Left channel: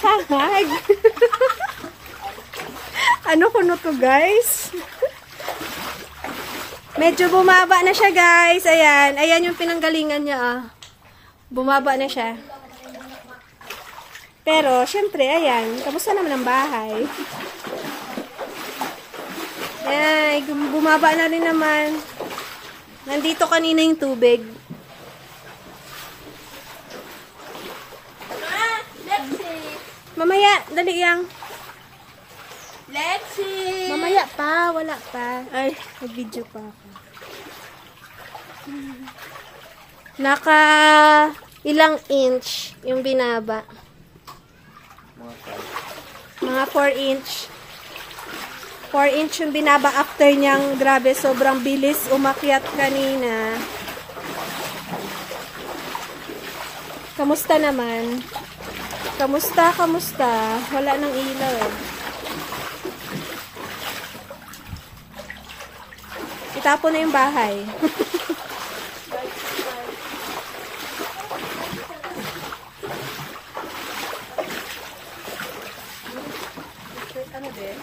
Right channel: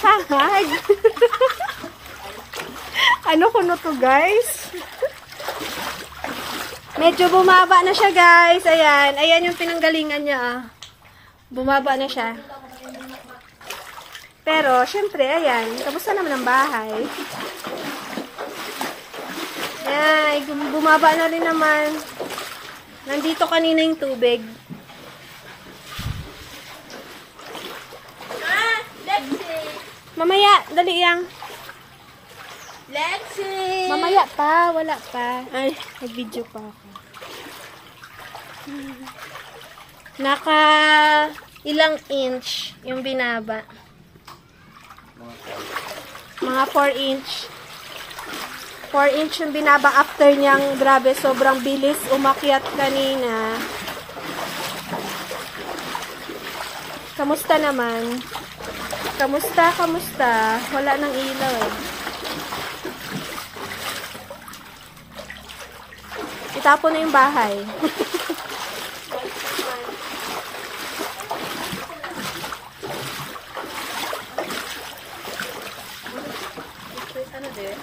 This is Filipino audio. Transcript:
Sahag. Ano kuno to, guys? Medyo bumaba na siya, guys. Ayan. Ayan yung pinanggalingan niya, ah. Bumaba na siya. Pero, syempre, ayan. Kamusta naman ang bahay? Ay, bumaba na rin naman. Nandito kanina yung tubig. Mamaya, dali yang. Lexi! Mamaya pa, wala pa. Ay, nag-video pa ako. Naka ilang inch yung binaba. Mga 4 inch. 4 inch yung binaba after niyang, grabe, sobrang bilis umakyat kanina. Kamusta naman? Kamusta? Wala nang ilaw eh. Itapon na yung bahay. Ano din?